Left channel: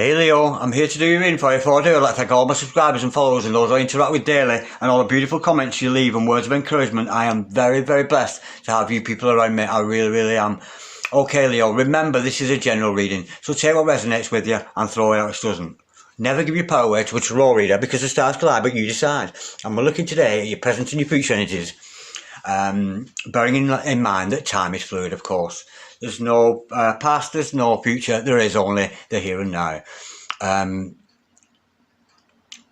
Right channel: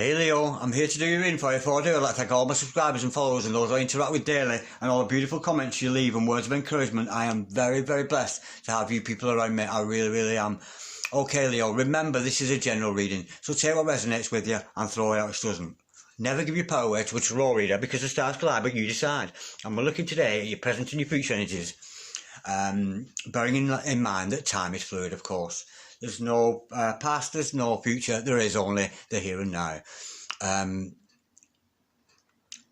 Hey Leo, I'm here to do your info. Before I do, I'd like to thank all my subscribers and followers and those I interact with daily and all the beautiful comments you leave and words of encouragement. I am very, very blessed to have you people around me. I really, really am. Okay Leo, remember this is a general reading, so take what resonates with you and throw it out which doesn't. Never give your power away to a tarot reader because the stars collide, but you decide. And we're looking today at your present and your future energies. Bearing in mind that time is fluid, of course. There's no past, there's no future, there is only the here and now.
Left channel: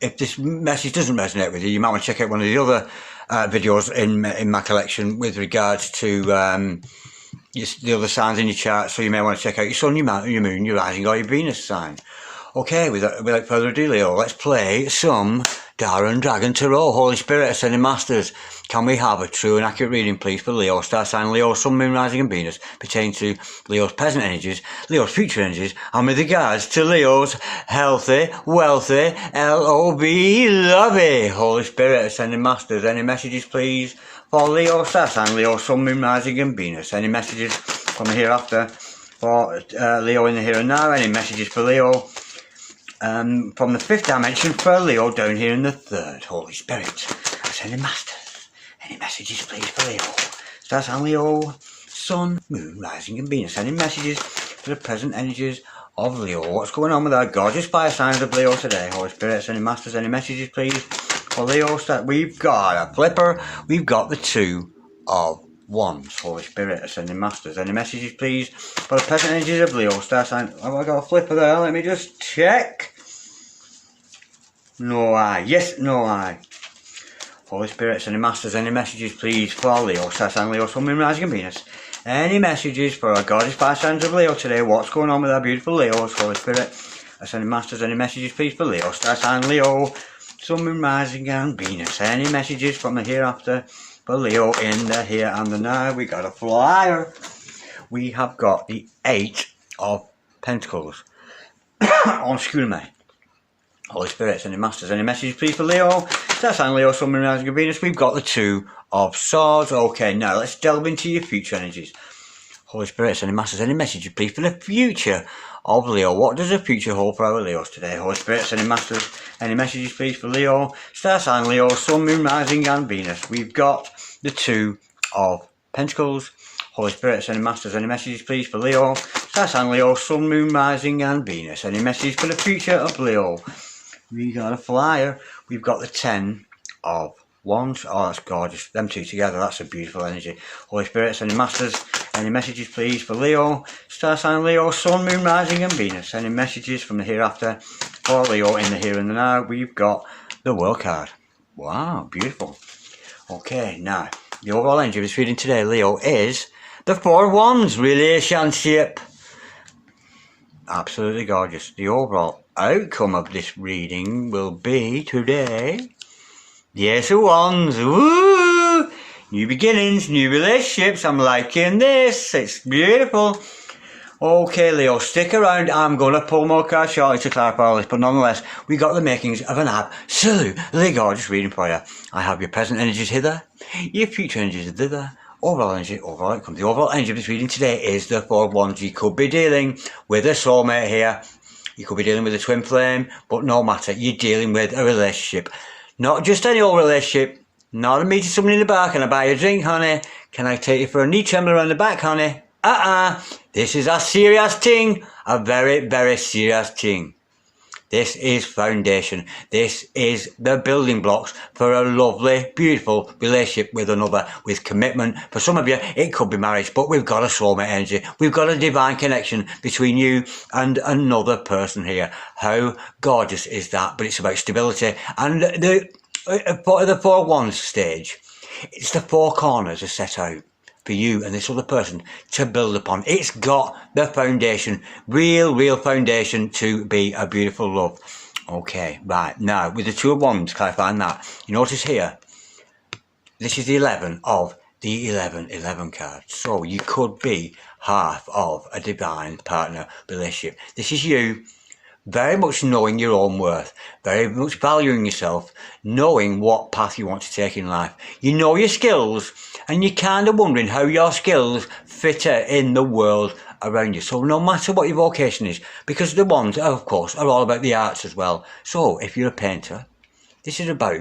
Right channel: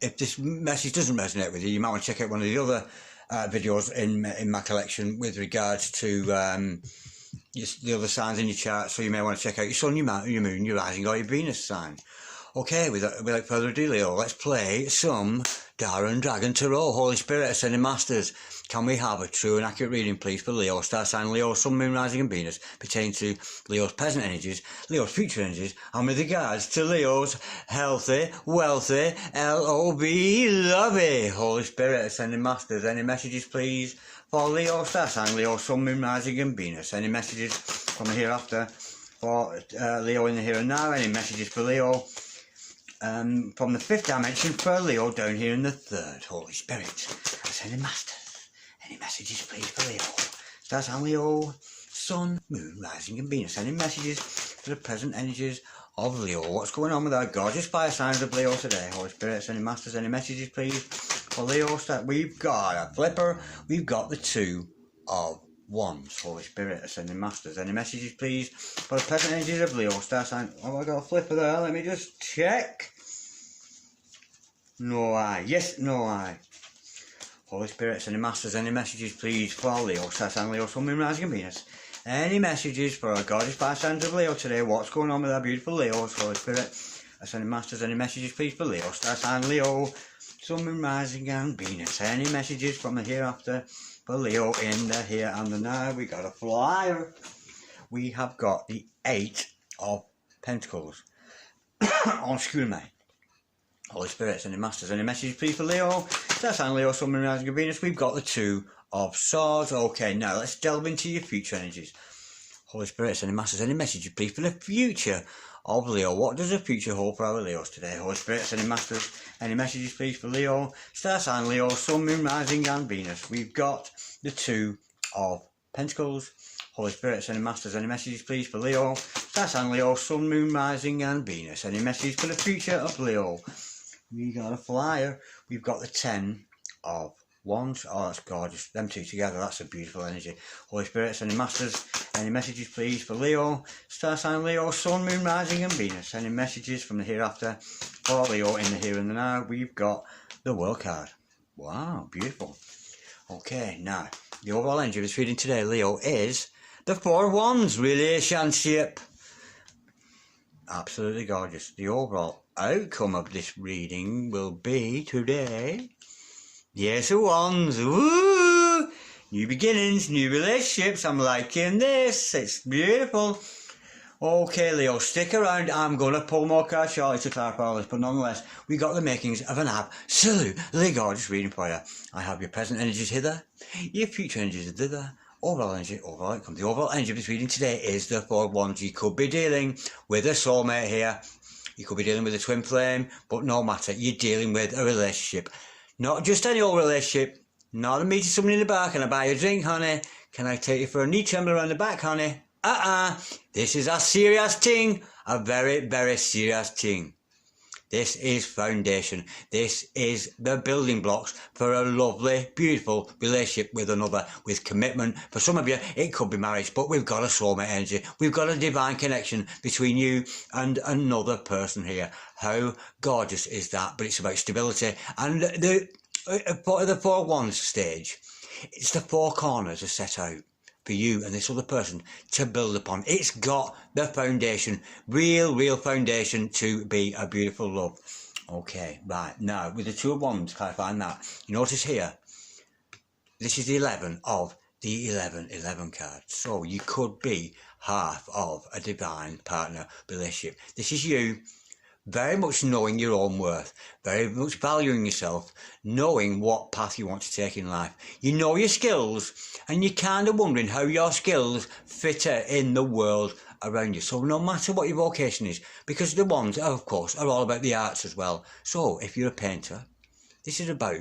If this message doesn't resonate with you, you might want to check out one of the other videos in my collection with regards to the other signs in your chart. So you may want to check out your sun, your moon, your rising or your Venus sign. Okay, without further ado, Leo, let's play some Dara Dragon Tarot. Holy Spirit, Ascending Masters, can we have a true and accurate reading, please, for Leo, star sign Leo, sun, moon, rising and Venus, pertaining to Leo's present energies, Leo's future energies, and with regards to Leo's healthy, wealthy, L-O-V, lovey. Holy Spirit, Ascending Masters, any messages, please, for Leo, star sign Leo, sun, moon, rising and Venus? Any messages from the hereafter for Leo in the here and now? Any messages for Leo from the fifth dimension for Leo down here in the third? Holy Spirit, Ascending Masters, any messages please for Leo, star sign Leo, sun, moon, rising and Venus? Any messages for the present energies of Leo? What's going on with our gorgeous fire signs of Leo today? Holy Spirit, Ascending Masters, any messages please for Leo? We've got a flipper, we've got the Two of Wands. Holy Spirit, Ascending Masters, any messages please for the present energies of Leo, star sign? Have I got a flipper there? Let me just check. No I. Yes, no I. Holy Spirit, Ascending Masters, any messages please for Leo, star sign Leo, sun, moon, rising and Venus? Any messages for our gorgeous fire signs of Leo today? What's going on with our beautiful Leos? Holy Spirit, Ascending Masters, any messages please for Leo, star sign Leo, sun, moon, rising and Venus? Any messages from the hereafter for Leo in the here and the now? We got a flyer. We have got the Eight of Pentacles on School Me. Holy Spirit, Ascending Masters, any messages please for Leo, star sign Leo, sun, moon, rising and Venus? We've got the Two of Swords. Okay, now let's delve into your future energies. Holy Spirit, Ascending Masters, any messages please for the future of Leo? What does the future hold for our Leos today? Holy Spirit, Ascending Masters, any messages please for Leo, star sign Leo, sun, moon, rising and Venus? We've got the Two of Pentacles. Holy Spirit, Ascending Masters, any messages please for Leo, star sign Leo, sun, moon, rising and Venus? Any messages for the future of Leo? We got a flyer. We've got the Ten of Wands. Oh, that's gorgeous. Them two together, that's a beautiful energy. Holy Spirit, Ascending Masters, any messages please for Leo, star sign Leo, sun, moon, rising and Venus? Any messages from the hereafter for Leo in the here and the now? We've got the World card. Wow, beautiful. Okay, now, the overall energy of this reading today, Leo, is the Four of Wands relationship. Absolutely gorgeous. The overall outcome of this reading will be today the Ace of Wands. Woo! New beginnings, new relationships. I'm liking this. It's beautiful. Okay, Leo, stick around. I'm going to pull more cards shortly to clarify all this, but nonetheless, we got the makings of an absolutely gorgeous reading for you. I have your present energies hither, your future energies thither, overall energy, overall outcome. The overall energy of this reading today is the Four of Wands. You could be dealing with a soulmate here. You could be dealing with a twin flame, but no matter, you're dealing with a relationship. Not just any old relationship, not a meeting someone in the bar. Can I buy you a drink, honey? Can I take you for a knee tremor around the back, honey? This is a serious thing, a very, very serious thing. This is foundation. This is the building blocks for a lovely, beautiful relationship with another, with commitment. For some of you, it could be marriage, but we've got a soulmate energy. We've got a divine connection between you and another person here. How gorgeous is that? But it's about stability. And the Four of Wands stage, it's the four corners are set out for you and this other person to build upon. It's got the foundation, real foundation to be a beautiful love. Okay, right, now with the Two of Wands, clarifying that, you notice here, this is the 11 of the 11 card. So you could be half of a divine partner relationship. This is you very much knowing your own worth, very much valuing yourself, knowing what path you want to take in life. You know your skills, and you're kind of wondering how your skills fit in the world around you. So no matter what your vocation is, because the wands, of course, are all about the arts as well. So if you're a painter, this is about,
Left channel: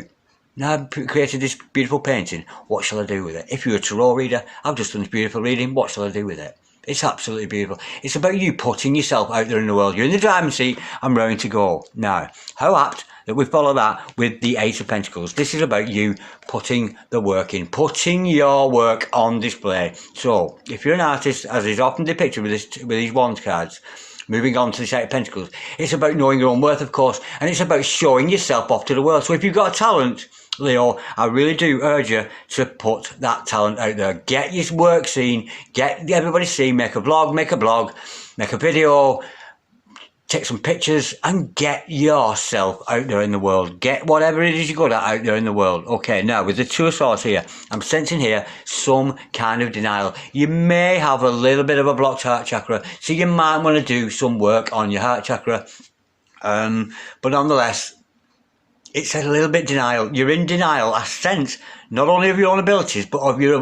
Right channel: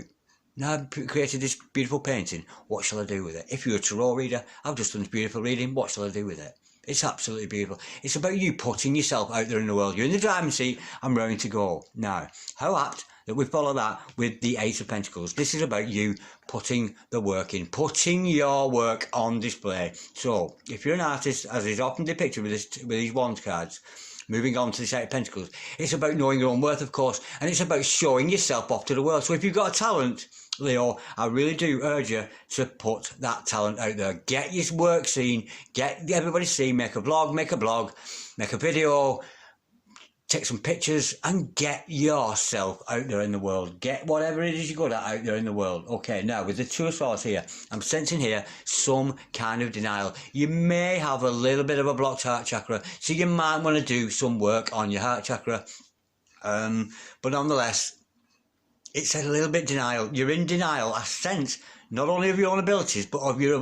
now I've created this beautiful painting, what shall I do with it? If you're a tarot reader, I've just done this beautiful reading, what shall I do with it? It's absolutely beautiful. It's about you putting yourself out there in the world. You're in the driving seat, I'm raring to go. Now, how apt that we follow that with the Ace of Pentacles. This is about you putting the work in, putting your work on display. So, if you're an artist, as is often depicted with these Wands cards, moving on to the Eight of Pentacles, it's about knowing your own worth, of course, and it's about showing yourself off to the world. So if you've got a talent, Leo, I really do urge you to put that talent out there. Get your work seen, get everybody seen, make a blog, make a video, take some pictures and get yourself out there in the world. Get whatever it is you're good at out there in the world. Okay, now with the Two of Swords here, I'm sensing here some kind of denial. You may have a little bit of a blocked heart chakra, so you might want to do some work on your heart chakra. But nonetheless, it's a little bit denial. You're in denial, I sense, not only of your own abilities, but of your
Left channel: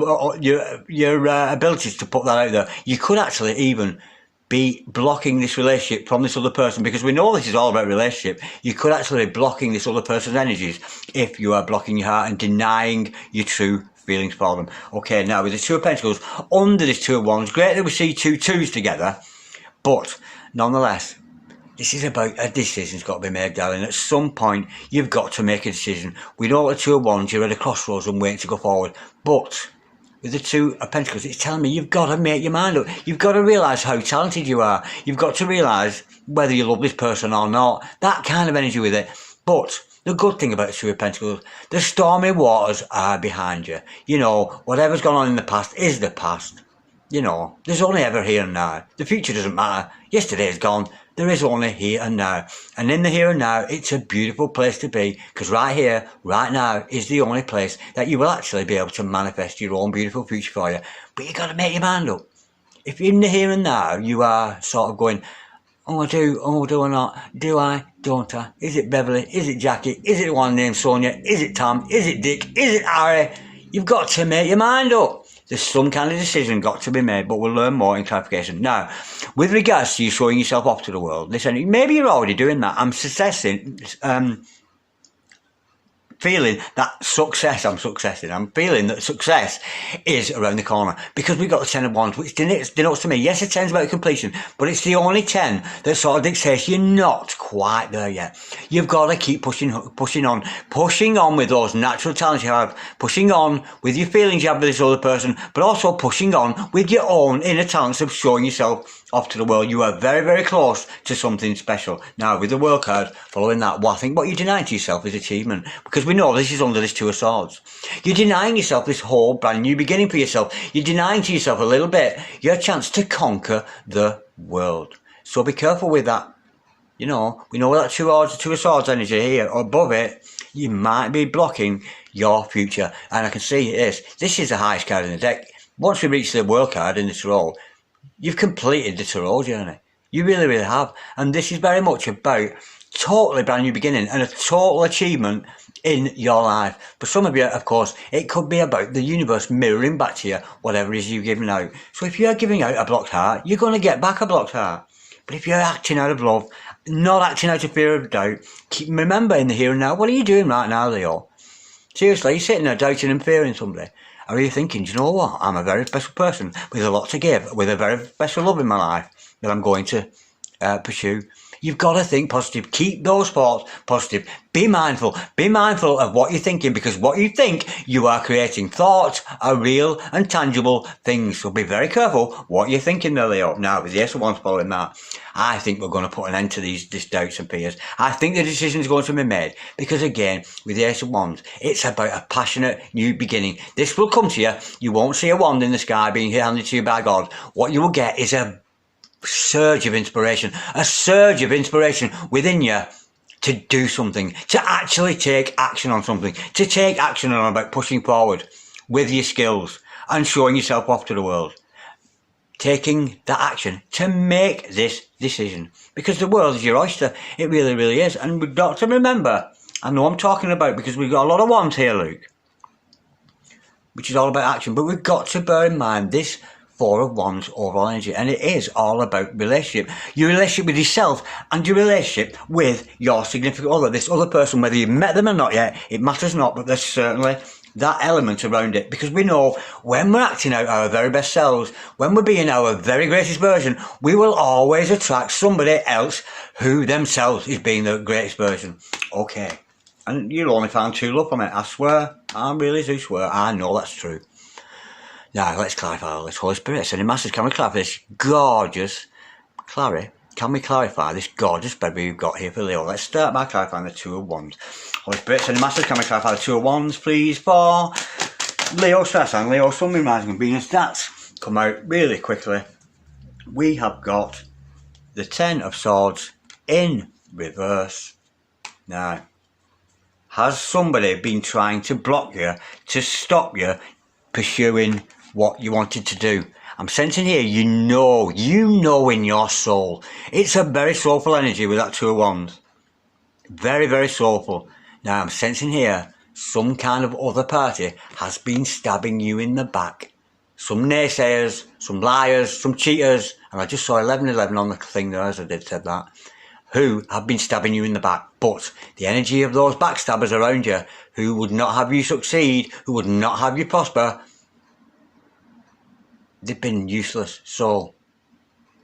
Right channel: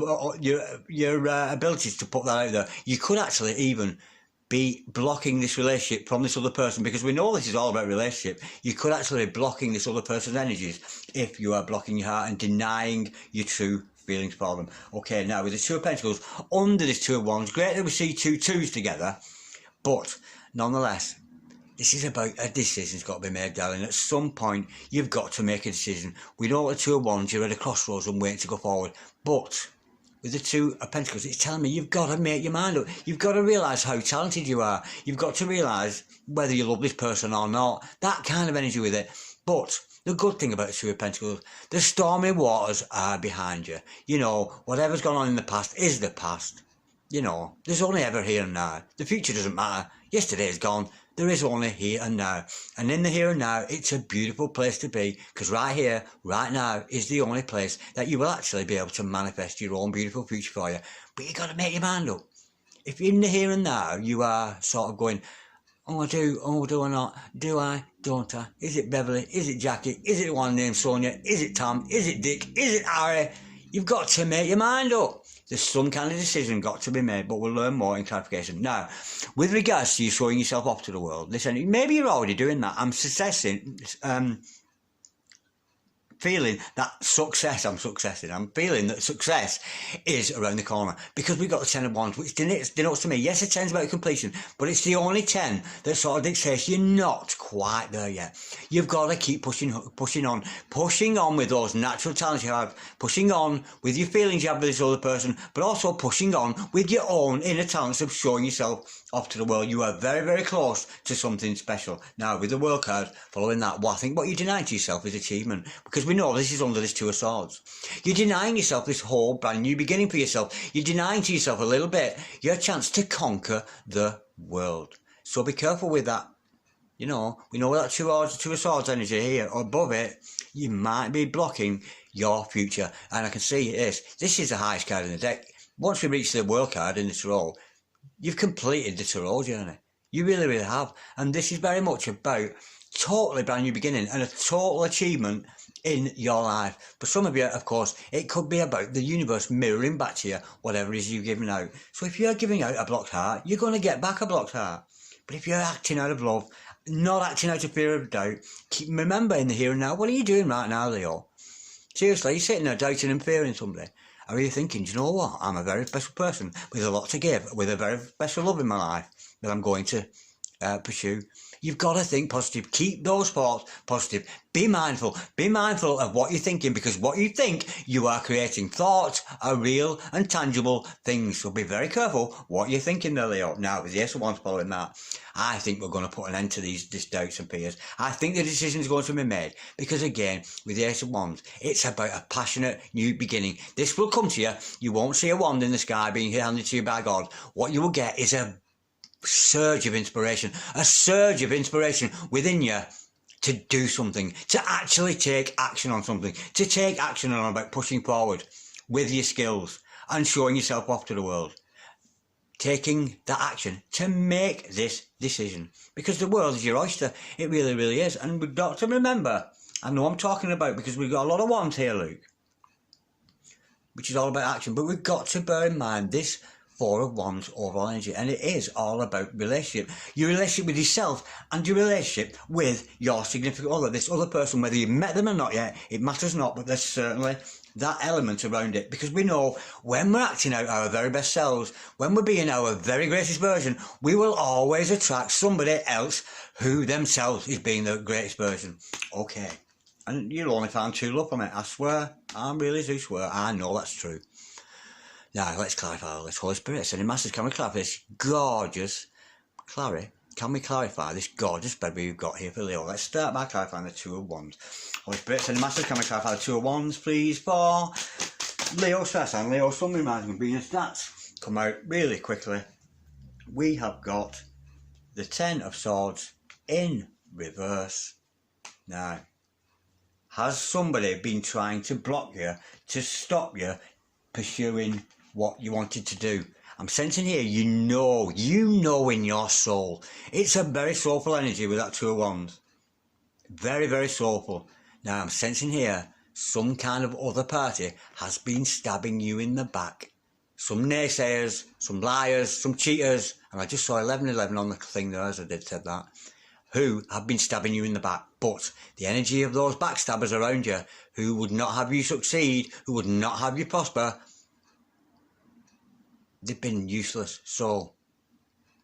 abilities to put that out there. You could actually even be blocking this relationship from this other person, because we know this is all about relationship. You could actually be blocking this other person's energies if you are blocking your heart and denying your true feelings for them. Okay, now with the Two of Pentacles, under this Two of Wands, great that we see two twos together, but nonetheless, this is about a decision's got to be made, darling. At some point, you've got to make a decision. We know at the Two of Wands, you're at a crossroads and waiting to go forward. But with the Two of Pentacles, it's telling me you've got to make your mind up. You've got to realise how talented you are. You've got to realise whether you love this person or not. That kind of energy with it. But the good thing about the Two of Pentacles, the stormy waters are behind you. You know, whatever's gone on in the past is the past. You know, there's only ever here and now. The future doesn't matter. Yesterday is gone. There is only here and now. And in the here and now, it's a beautiful place to be, because right here, right now, is the only place that you will actually be able to manifest your own beautiful future for you. But you've got to make your mind up. If in the here and now, you are sort of going, oh, I do or not? Do I? Don't I? Is it Beverly? Is it Jackie? Is it one named Sonia? Is it Tom? Is it Dick? Is it Harry? You've got to make your mind up. There's some kind of decision got to be made, but we'll learn more in clarification. Now, with regards to you showing yourself off to the world, listen, maybe you're already doing that. I'm feeling that I'm feeling that success is around the corner, because we've got the Ten of Wands, which denotes to me, yes, the 10's about completion, but it's the only 10 that sort of dictates you're not quite there yet. You've got to keep pushing on with those natural talents you have, pushing on with your feelings you have with this other person, but also pushing on with your own inner talents of showing yourself off to the world. You are very, very close to something special. Now, with the World card, following that, well, I think what you're denying to yourself is achievement, because we know this is under this Two of Swords. You're denying yourself this whole brand new beginning for yourself. You're denying to yourself a little bit your chance to conquer the world. So be careful with that. You know, we know that Two of Swords energy here, or above it, you might be blocking your future. And I can see this. This is the highest card in the deck. Once we reach the World card in this row, you've completed the tarot journey. You really, really have. And this is very much about totally brand new beginning and a total achievement in your life. For some of you, of course, it could be about the universe mirroring back to you whatever it is you're giving out. So if you're giving out a blocked heart, you're going to get back a blocked heart. But if you're acting out of love, not acting out of fear of doubt, remember in the here and now, what are you doing right now, Leo? Seriously, you're sitting there doubting and fearing somebody. Or are you thinking, do you know what? I'm a very special person with a lot to give, with a very special love in my life that I'm going to pursue. You've got to think positive. Keep those thoughts positive. Be mindful. Be mindful of what you're thinking, because what you think, you are creating. Thoughts are real and tangible things. So be very careful what you're thinking there, Leo. Now, with the Ace of Wands following that, I think we're going to put an end to these doubts and fears. I think the decision is going to be made, because again, with the Ace of Wands, it's about a passionate new beginning. This will come to you. You won't see a wand in the sky being handed to you by God. What you will get is a surge of inspiration within you to do something, to actually take action on something, to take action on about pushing forward with your skills and showing yourself off to the world. Taking that action to make this decision, because the world is your oyster. It really, really is. And we've got to remember, I know I'm talking about, because we've got a lot of wands here, Luke, which is all about action, but we've got to bear in mind this Four of Wands overall energy, and it is all about relationship. Your relationship with yourself and your relationship with your significant other, this other person, whether you've met them or not yet, it matters not, but there's certainly that element around it, because we know when we're acting out our very best selves, when we're being our very greatest version, we will always attract somebody else who themselves is being the greatest version. Okay. And you'll only find true love from it, I swear. I really do swear. I know that's true. Now, let's clarify all this. Holy Spirit, sending masters, can we clarify this gorgeous... Clary, can we clarify this gorgeous baby we've got here for Leo? Let's start by clarifying the Two of Wands. Holy Spirit, sending masters, can we clarify the Two of Wands, please, for Leo Star Sign, Leo Sun, Moon, Rising and Venus. That's come out really quickly. We have got the Ten of Swords in reverse. Now, has somebody been trying to block you, to stop you pursuing what you wanted to do? I'm sensing here, you know in your soul. It's a very soulful energy with that Two of Wands. Very, very soulful. Now, I'm sensing here, some kind of other party has been stabbing you in the back. Some naysayers, some liars, some cheaters, and I just saw 1111 on the thing there as I did said that, who have been stabbing you in the back. But the energy of those backstabbers around you, who would not have you succeed, who would not have you prosper, they've been useless. So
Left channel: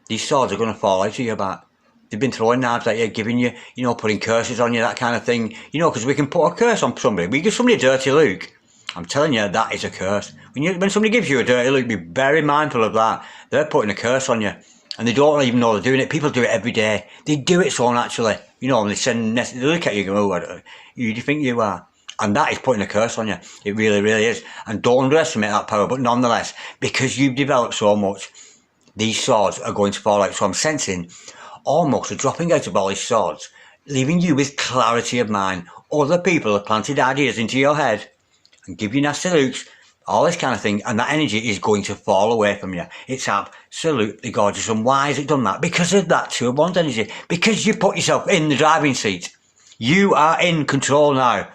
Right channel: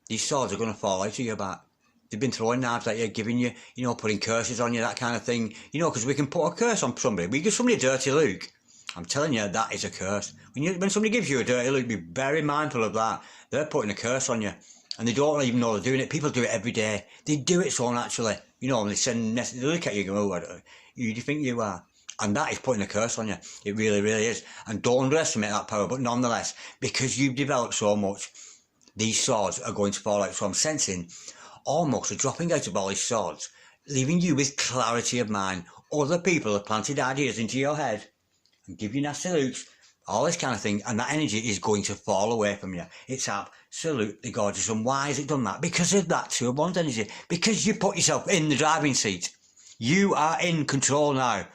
these swords are going to fall out of your back. They've been throwing knives at you, giving you, putting curses on you, that kind of thing. Because we can put a curse on somebody. We give somebody a dirty look. I'm telling you, that is a curse. When somebody gives you a dirty look, be very mindful of that. They're putting a curse on you. And they don't even know they're doing it. People do it every day. They do it so naturally. And they look at you and go, oh, who do you think you are? And that is putting a curse on you. It really, really is. And don't underestimate that power. But nonetheless, because you've developed so much, these swords are going to fall out. So I'm sensing almost a dropping out of all these swords, leaving you with clarity of mind. Other people have planted ideas into your head and give you nasty looks, all this kind of thing, and that energy is going to fall away from you. It's absolutely gorgeous. And why has it done that? Because of that Two of Wands energy. Because you put yourself in the driving seat. You are in control now,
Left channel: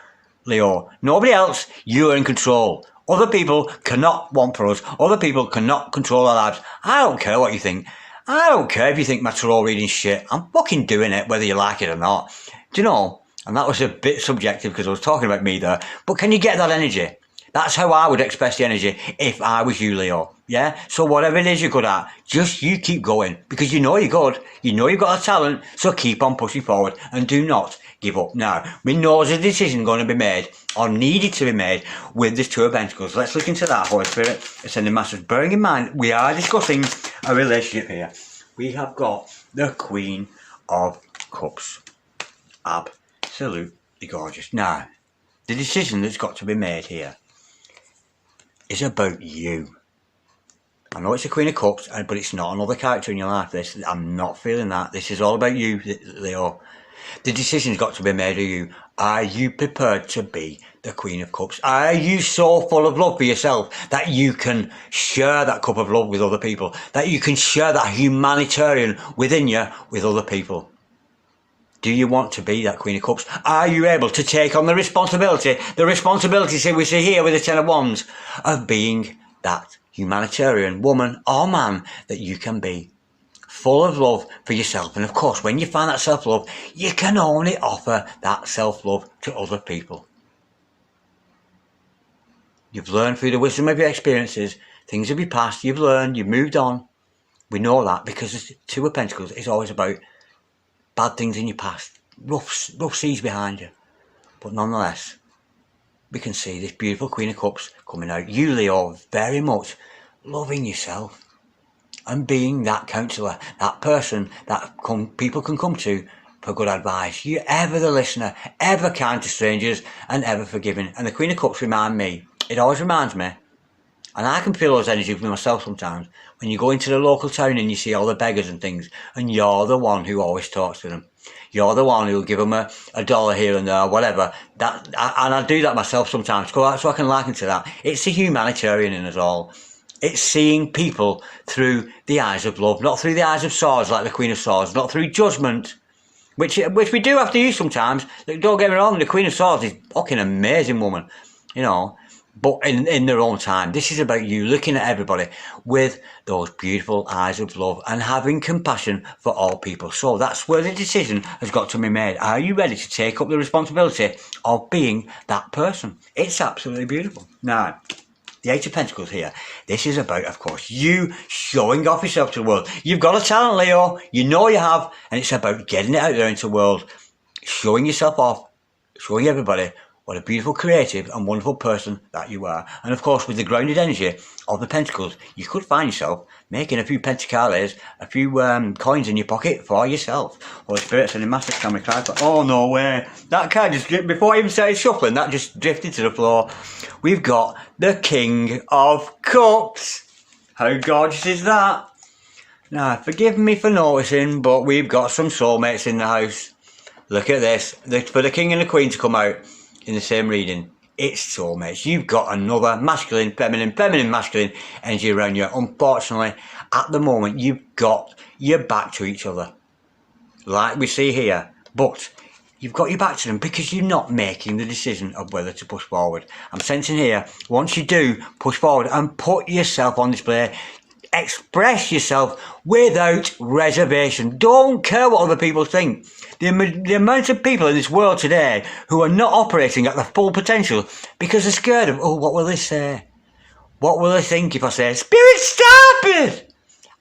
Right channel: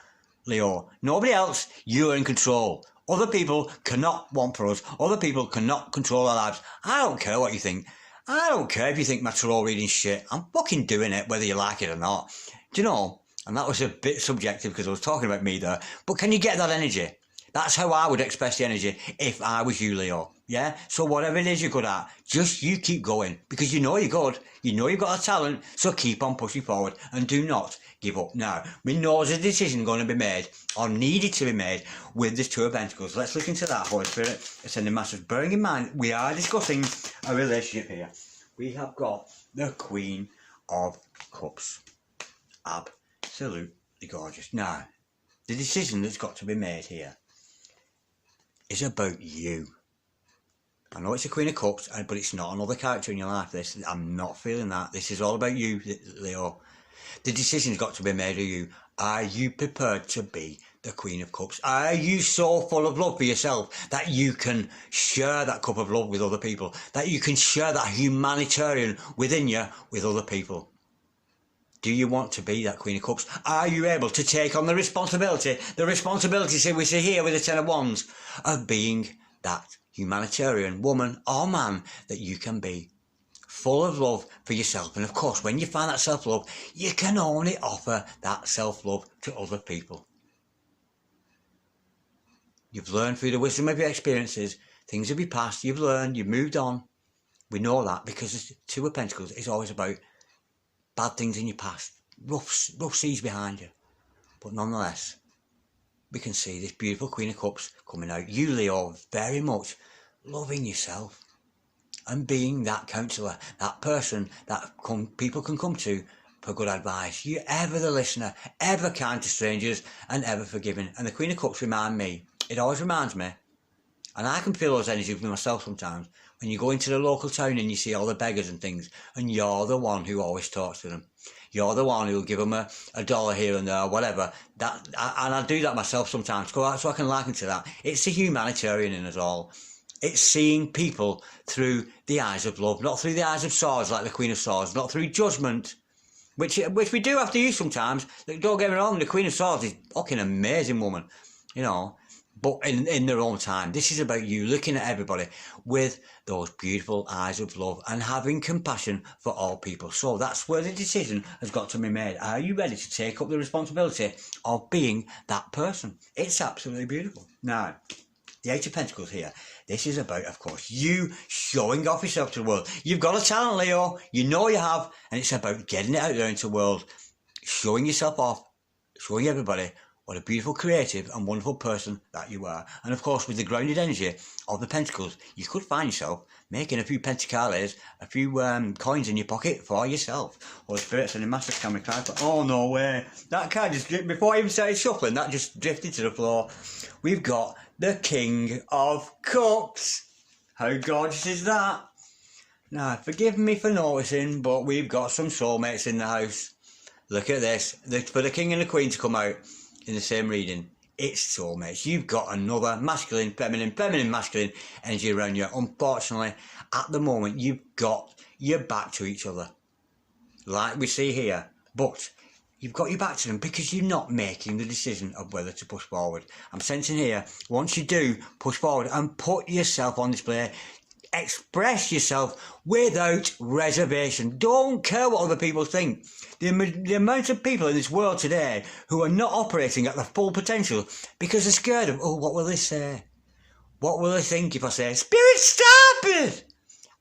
Leo. Nobody else, you are in control. Other people cannot want for us. Other people cannot control our lives. I don't care what you think. I don't care if you think my tarot reading's shit. I'm fucking doing it, whether you like it or not. Do you know? And that was a bit subjective because I was talking about me there. But can you get that energy? That's how I would express the energy if I was you, Leo. Yeah? So whatever it is you're good at, just you keep going. Because you know you're good. You know you've got a talent. So keep on pushing forward and do not give up. Now, we know there's a decision going to be made or needed to be made with this Two of Pentacles. Let's look into that, Holy Spirit. Ascending Masters. Bearing in mind, we are discussing a relationship here. We have got the Queen of Cups. Absolutely gorgeous. Now, the decision that's got to be made here is about you. I know it's the Queen of Cups, but it's not another character in your life. I'm not feeling that. This is all about you, Leo. The decision's got to be made of you. Are you prepared to be the Queen of Cups? Are you so full of love for yourself that you can share that cup of love with other people? That you can share that humanitarian within you with other people? Do you want to be that Queen of Cups? Are you able to take on the responsibility we see here with the Ten of Wands, of being that humanitarian woman or man that you can be? Full of love for yourself. And of course, when you find that self-love, you can only offer that self-love to other people. You've learned through the wisdom of your experiences, things of your past, you've learned, you've moved on. We know that because the Two of Pentacles is always about bad things in your past, rough seas behind you. But nonetheless, we can see this beautiful Queen of Cups coming out. You, Leo, very much loving yourself and being that counsellor, that person that people can come to for good advice. You're ever the listener, ever kind to strangers and ever forgiving. And the Queen of Cups it always reminds me, and I can feel those energies with myself sometimes, when you go into the local town and you see all the beggars and things, and you're the one who always talks to them. You're the one who'll give them a dollar here and there, or whatever. And I do that myself sometimes, so I can liken to that. It's the humanitarian in us all. It's seeing people through the eyes of love, not through the eyes of swords like the Queen of Swords, not through judgment, which we do have to use sometimes. Don't get me wrong, the Queen of Swords is a fucking amazing woman, but in their own time. This is about you looking at everybody with those beautiful eyes of love and having compassion for all people. So that's where the decision has got to be made. Are you ready to take up the responsibility of being that person? It's absolutely beautiful. Now, the Eight of Pentacles here. This is about, of course, you showing off yourself to the world. You've got a talent, Leo. You know you have. And it's about getting it out there into the world, showing yourself off, showing everybody what a beautiful, creative and wonderful person that you are. And of course, with the grounded energy of the Pentacles, you could find yourself making a few pentacles, a few coins in your pocket for yourself. Holy Spirit, sending massive camera card. Oh, no way. That card just drifted, before I even started shuffling, that just drifted to the floor. We've got the King of Cups. How gorgeous is that? Now, forgive me for noticing, but we've got some soulmates in the house. Look at this. For the King and the Queen to come out in the same reading, it's soulmates. You've got another masculine, feminine, masculine energy around you. Unfortunately, at the moment, you've got your back to each other, like we see here. But you've got your back to them because you're not making the decision of whether to push forward. I'm sensing here, once you do push forward and put yourself on display, express yourself without reservation. Don't care what other people think. The amount of people in this world today who are not operating at their full potential because they're scared of, oh, what will they say? What will they think if I say, Spirit, stop it?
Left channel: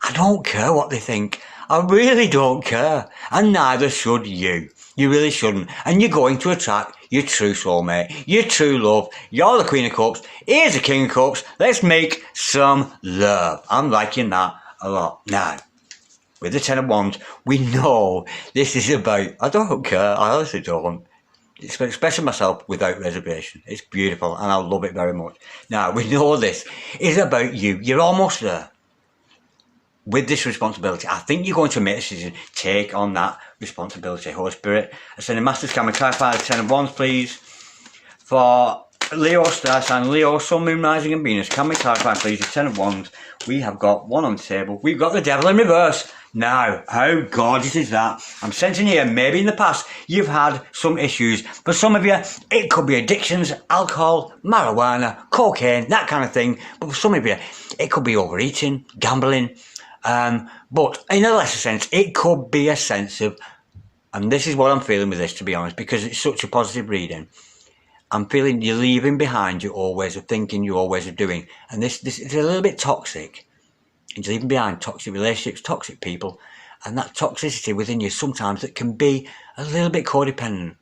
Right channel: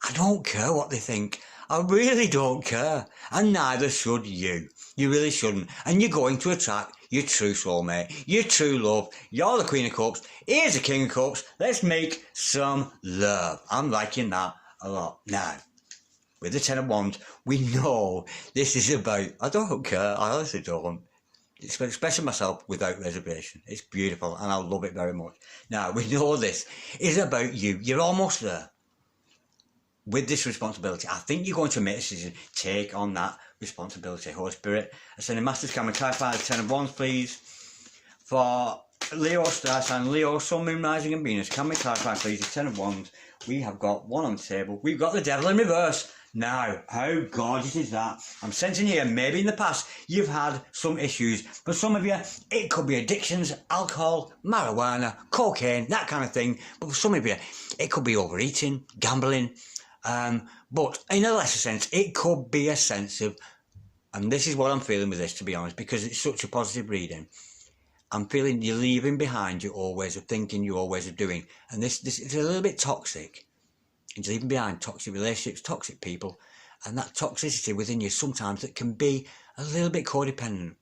I don't care what they think. I really don't care. And neither should you. You really shouldn't. And you're going to attract your true soulmate, your true love. You're the Queen of Cups. Here's the King of Cups. Let's make some love. I'm liking that a lot. Now, with the Ten of Wands, we know this is about, I don't care, I honestly don't. It's expressing myself without reservation. It's beautiful and I love it very much. Now, we know this is about you. You're almost there. With this responsibility, I think you're going to make a decision. Take on that responsibility. Holy Spirit, I send a Master's Camera, clarify the Ten of Wands, please. For Leo, Star Sign, Leo, Sun, Moon, Rising and Venus, can we clarify, please, the Ten of Wands? We have got one on the table. We've got the Devil in reverse. Now, how gorgeous is that? I'm sensing here, maybe in the past, you've had some issues. For some of you, it could be addictions, alcohol, marijuana, cocaine, that kind of thing. But for some of you, it could be overeating, gambling. But in a lesser sense, it could be a sense of, and this is what I'm feeling with this, to be honest, because it's such a positive reading. I'm feeling you're leaving behind your old ways of thinking, your old ways of doing. And this is a little bit toxic. And you're leaving behind toxic relationships, toxic people. And that toxicity within you sometimes that can be a little bit codependent.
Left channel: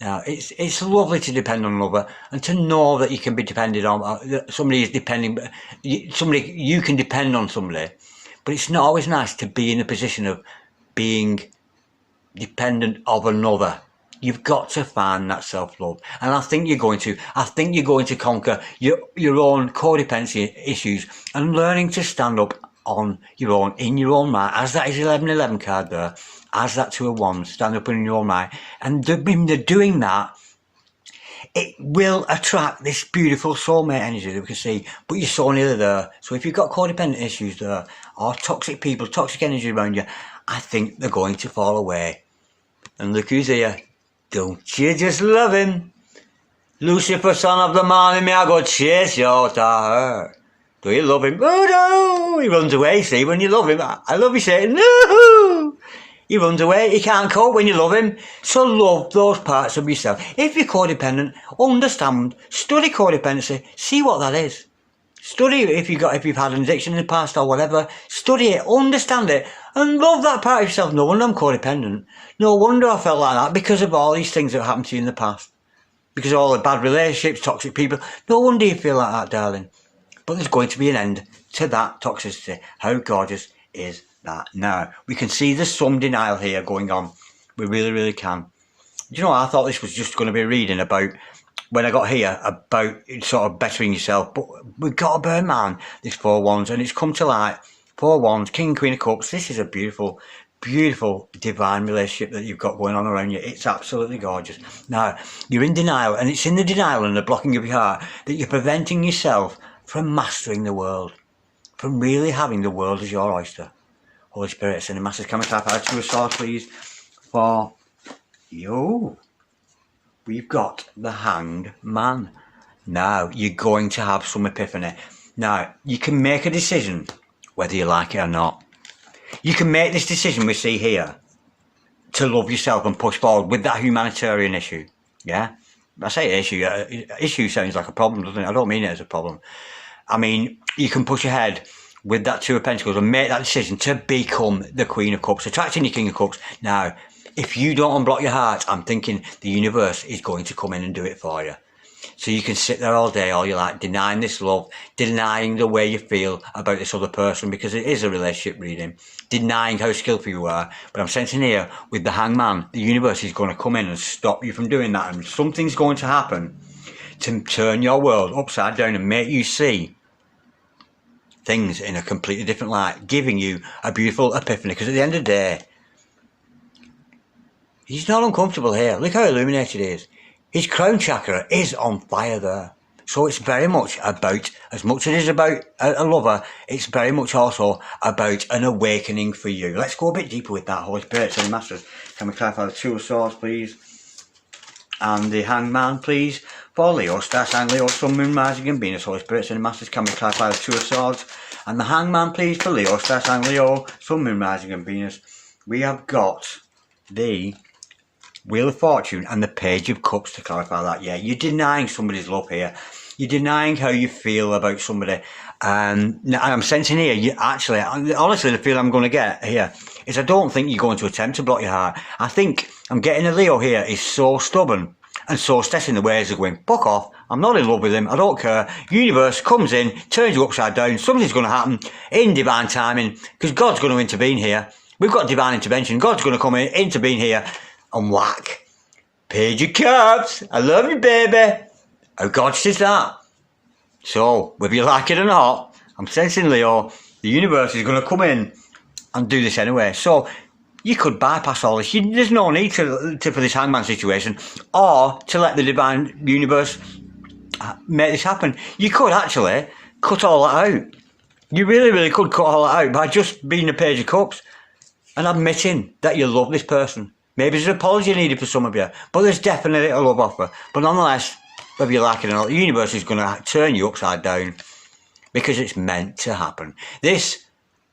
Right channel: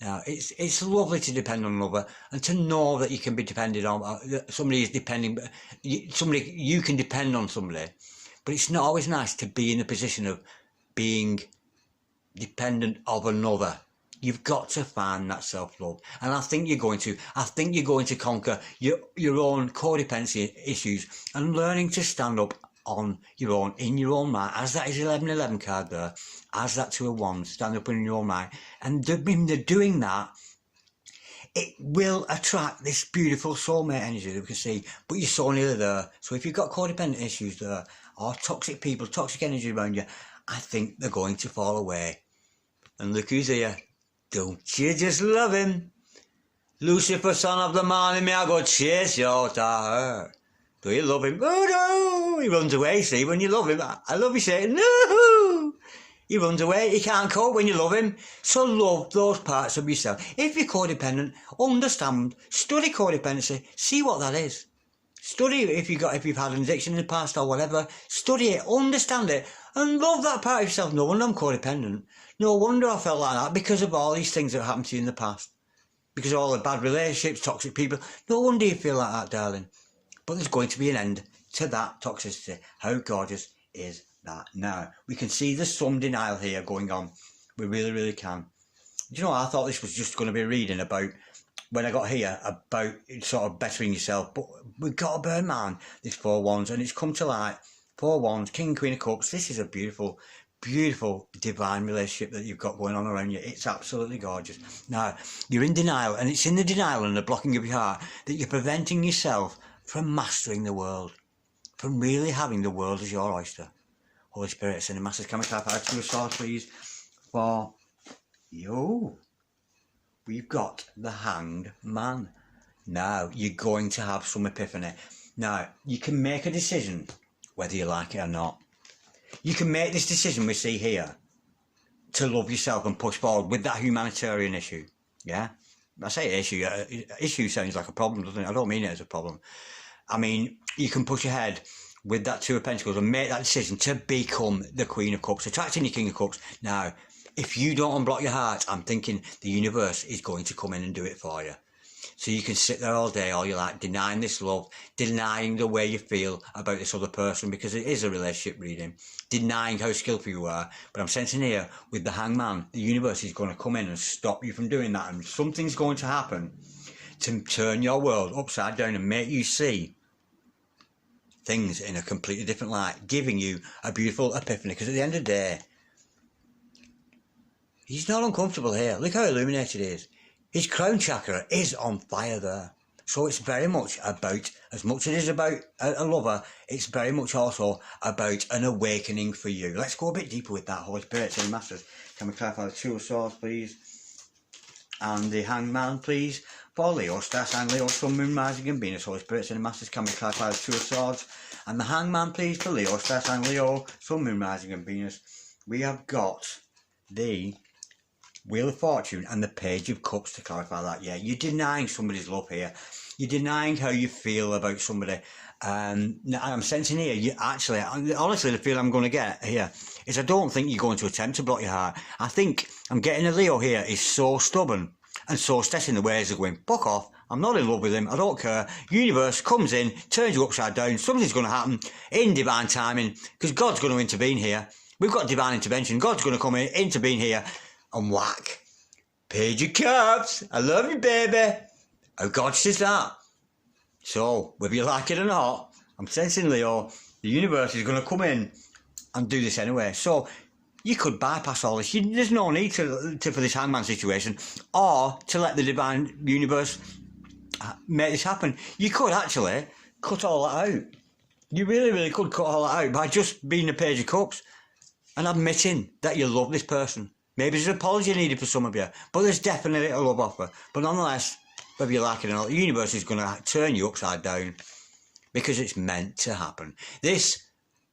Now, it's lovely to depend on another and to know that you can be depended on. Somebody is depending, you can depend on somebody. But it's not always nice to be in a position of being dependent of another. You've got to find that self-love. And I think you're going to conquer your own codependency issues and learning to stand up on your own, in your own right, as that is 1111 card there, as that Two of Wands, stand up in your own right. And doing that, it will attract this beautiful soulmate energy that we can see, but you're so nearly there. So if you've got codependent issues there, or toxic people, toxic energy around you, I think they're going to fall away. And look who's here. Don't you just love him? Lucifer, son of the morning, may I go chase you out of her? Do you love him? Oh no! He runs away, see, when you love him. I love you saying, no! He runs away, he can't cope when you love him. So love those parts of yourself. If you're codependent, understand, study codependency, see what that is. Study if you've had an addiction in the past or whatever. Study it, understand it, and love that part of yourself. No wonder I'm codependent. No wonder I felt like that because of all these things that happened to you in the past. Because of all the bad relationships, toxic people. No wonder you feel like that, darling. But there's going to be an end to that toxicity. How gorgeous is that? Now, we can see there's some denial here going on. We really, really can. You know, I thought this was just going to be a reading about, when I got here, about sort of bettering yourself. But we've got to bear in mind this Four of Wands, and it's come to light. Four of Wands, King and Queen of Cups. This is a beautiful, beautiful divine relationship that you've got going on around you. It's absolutely gorgeous. Now, you're in denial, and it's in the denial and the blocking of your heart that you're preventing yourself from mastering the world, from really having the world as your oyster. Holy Spirit, send a massive camera type out to a source, please, for you. We've got the Hanged Man. Now, you're going to have some epiphany. Now, you can make a decision whether you like it or not. You can make this decision we see here to love yourself and push forward with that humanitarian issue. Yeah? I say issue. Issue sounds like a problem, doesn't it? I don't mean it as a problem. I mean, you can push ahead with that Two of Pentacles and make that decision to become the Queen of Cups, attracting your King of Cups. Now, if you don't unblock your heart, I'm thinking the universe is going to come in and do it for you. So you can sit there all day, all you like, denying this love, denying the way you feel about this other person, because it is a relationship reading, denying how skillful you are. But I'm sensing here with the Hangman, the universe is going to come in and stop you from doing that, and something's going to happen to turn your world upside down and make you see things in a completely different light, giving you a beautiful epiphany. Because at the end of the day, he's not uncomfortable here. Look how illuminated he is. His crown chakra is on fire there. So it's very much about, as much as it is about a lover, it's very much also about an awakening for you. Let's go a bit deeper with that, Holy Spirit and Masters. Can we clarify the Two of Swords, please? And the Hangman, please. For Leo, Star Sign Leo, Sun, Moon, Rising and Venus, Holy Spirit and Masters. Can we clarify the Two of Swords? And the Hangman, please, for Leo, Star Sign Leo, Sun, Moon, Rising and Venus. We have got the Wheel of Fortune and the Page of Cups to clarify that. Yeah, you're denying somebody's love here. You're denying how you feel about somebody. Now I'm sensing here, you actually, honestly, the feeling I'm going to get here is I don't think you're going to attempt to block your heart. I think I'm getting a Leo here is so stubborn and so set in the ways of going, fuck off, I'm not in love with him, I don't care. Universe comes in, turns you upside down, something's going to happen in divine timing, because God's going to intervene here. We've got divine intervention. God's going to come in, intervene here, and whack. Page of Cups, I love you, baby. How gorgeous is that? So, whether you like it or not, I'm sensing, Leo, the universe is going to come in and do this anyway. So, you could bypass all this. There's no need to for this Hangman situation, or to let the divine universe make this happen. You could actually cut all that out. You really, really could cut all that out by just being the Page of Cups and admitting that you love this person. Maybe there's an apology needed for some of you, but there's definitely a love offer. But nonetheless, whether you like it or not, the universe is going to turn you upside down because it's meant to happen. This,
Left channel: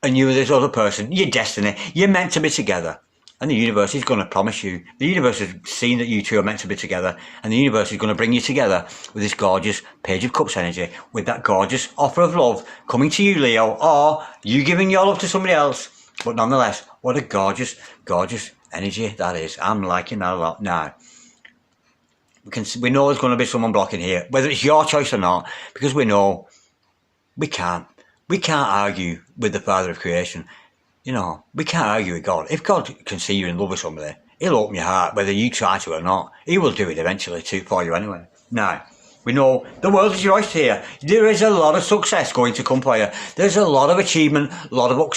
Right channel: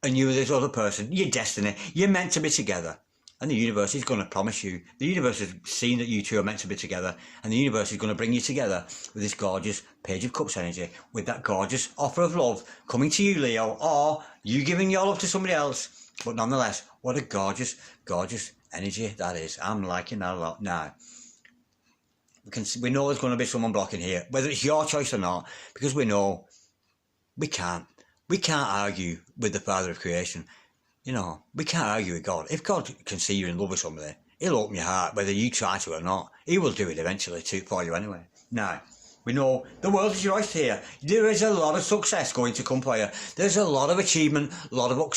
and you and this other person, your destiny, you're meant to be together. And the universe is going to promise you. The universe has seen that you two are meant to be together, and the universe is going to bring you together with this gorgeous Page of Cups energy, with that gorgeous offer of love coming to you, Leo, or you giving your love to somebody else. But nonetheless, what a gorgeous, gorgeous energy that is. I'm liking that a lot. Now, we know there's going to be someone blocking here, whether it's your choice or not, because we know we can't argue with the Father of Creation. You know, we can't argue with God. If God can see you in love with somebody, he'll open your heart, whether you try to or not. He will do it eventually for you anyway. Now, we know the world is your oyster here. There is a lot of success going to come for you. There's a lot of achievement, a lot of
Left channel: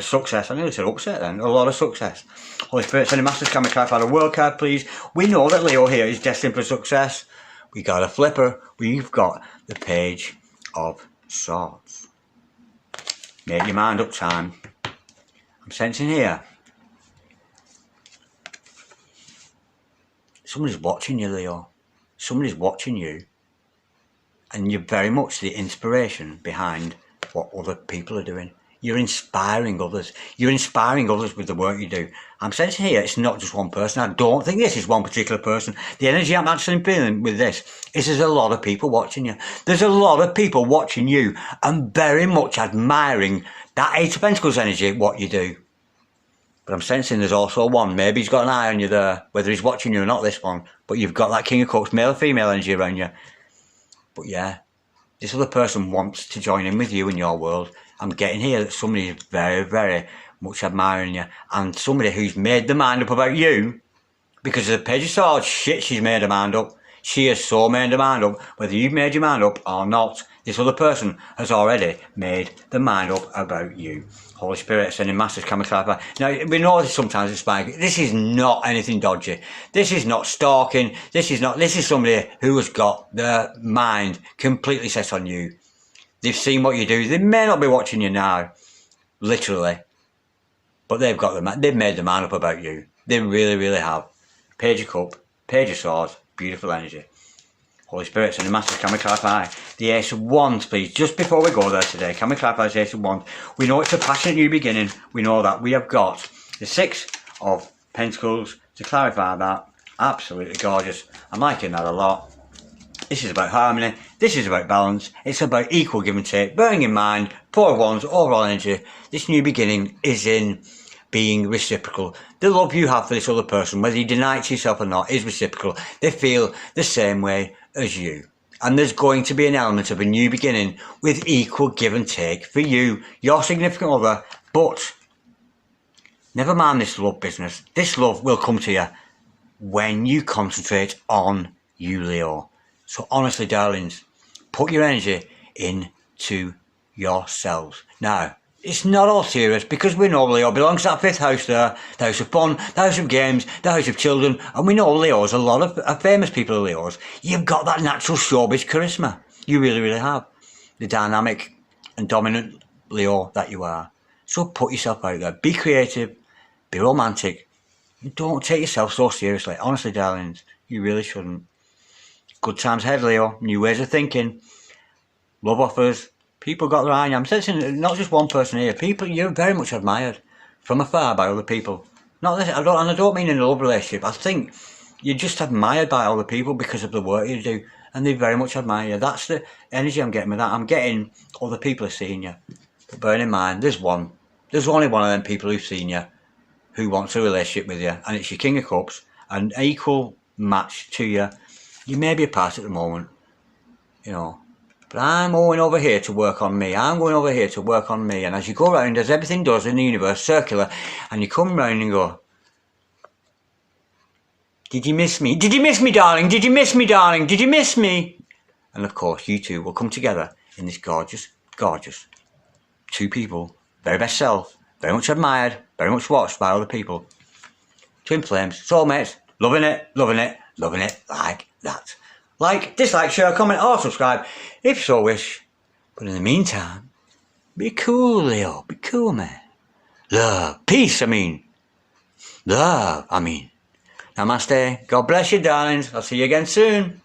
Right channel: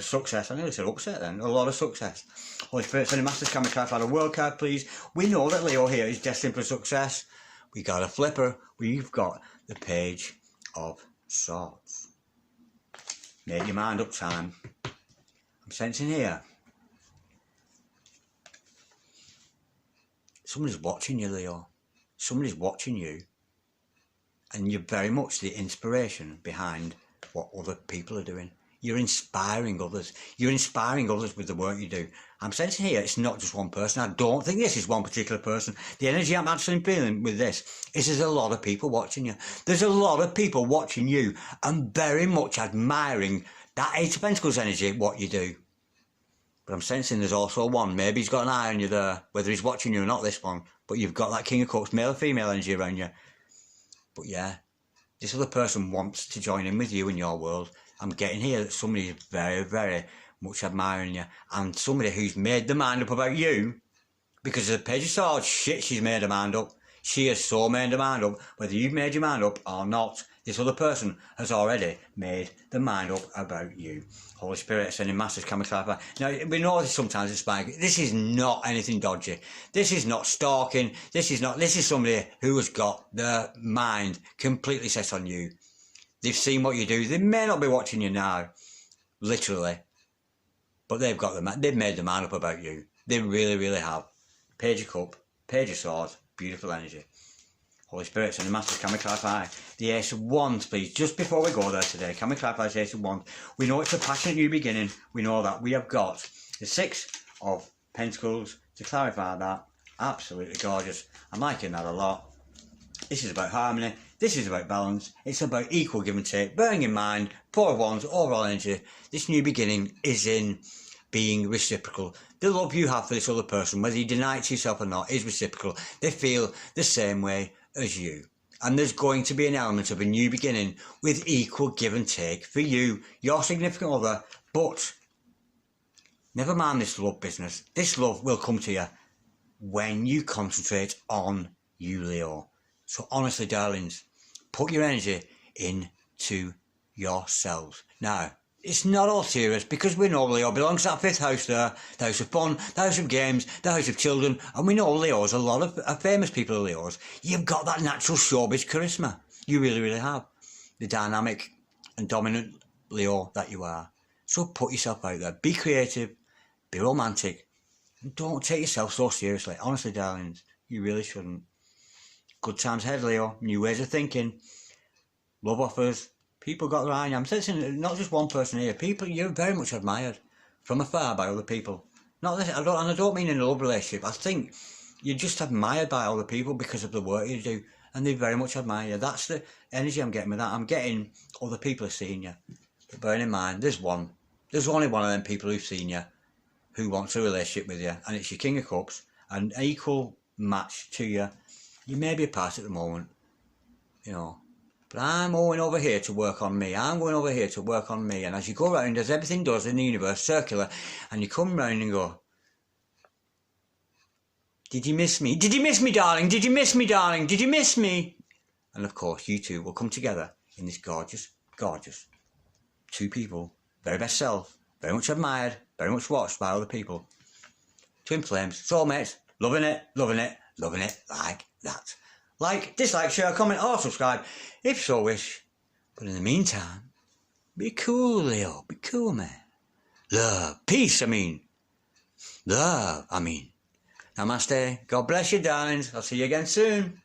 success. I nearly said upset then. A lot of success. Holy Spirit, sending Masters, can we clarify the world card, please? We know that Leo here is destined for success. We got a flipper. We've got the Page of Swords. Make your mind up, time. I'm sensing here. Somebody's watching you, Leo. Somebody's watching you. And you're very much the inspiration behind what other people are doing. You're inspiring others. You're inspiring others with the work you do. I'm sensing here it's not just one person. I don't think this is one particular person. The energy I'm actually feeling with this is there's a lot of people watching you. There's a lot of people watching you and very much admiring that Eight of Pentacles energy, what you do. But I'm sensing there's also one. Maybe he's got an eye on you there, whether he's watching you or not, this one. But you've got that King of Cups, male or female energy around you. But yeah, this other person wants to join in with you in your world. I'm getting here that somebody is very, very much admiring you. And somebody who's made the mind up about you, because of the Page of Swords, shit, she's made her mind up. She has so made her mind up. Whether you've made your mind up or not, this other person has already made the mind up about you. Holy Spirit, sending Masters, can we clarify? Now, we know this sometimes it's like, this is not anything dodgy. This is not stalking. This is somebody who has got their mind completely set on you. They've seen what you do. They may not be watching you now, literally, but they've made the mind up about you. They really, really have. Page of Cup, Page of Swords, beautiful energy. Holy Spirits and the Masters, can we clarify the Ace of Wands, please? Just before we go there today, can we clarify the Ace of Wands? We know it's a passionate new beginning. We know that. We have got the Six of Pentacles to clarify that. Absolutely gorgeous. I'm liking that a lot. This is about harmony. This is about balance. It's about equal give and take. Bearing in mind, Four of Wands, overall energy. This new beginning is in being reciprocal. The love you have for this other person, whether you deny it to yourself or not, is reciprocal. They feel the same way as you. And there's going to be an element of a new beginning with equal give and take for you, your significant other. But never mind this love business. This love will come to you when you concentrate on you, Leo. So honestly, darlings, put your energy into yourselves. Now, it's not all serious because we know Leo belongs to that fifth house there, the house of fun, the house of games, the house of children, and we know Leos, a lot of famous people are Leos. You've got that natural showbiz charisma. You really, really have. The dynamic and dominant Leo that you are. So put yourself out there. Be creative. Be romantic. Don't take yourself so seriously. Honestly, darlings, you really shouldn't. Good times ahead, Leo. New ways of thinking. Love offers. People got their eye on you. I'm sensing not just one person here. People, you're very much admired from afar by other people. Not this, and I don't mean in a love relationship. I think you're just admired by other people because of the work you do, and they very much admire you. That's the energy I'm getting with that. I'm getting other people are seeing you. But bearing in mind, there's only one of them people who's seen you, who wants a relationship with you, and it's your King of Cups, an equal match to you. You may be apart at the moment, you know. But I'm going over here to work on me. I'm going over here to work on me. And as you go around, as everything does in the universe, circular, and you come round and go, did you miss me? Did you miss me, darling? Did you miss me, darling? Did you miss me? And of course, you two will come together in this gorgeous, gorgeous two people, very best self, very much admired, very much watched by other people. Twin flames, soulmates, loving it, loving it, loving it like that. Like, dislike, share, comment, or subscribe if you so wish. But in the meantime, be cool, Leo. Be cool, man. Love. Peace, I mean. Love, I mean. Namaste. God bless you, darlings. I'll see you again soon.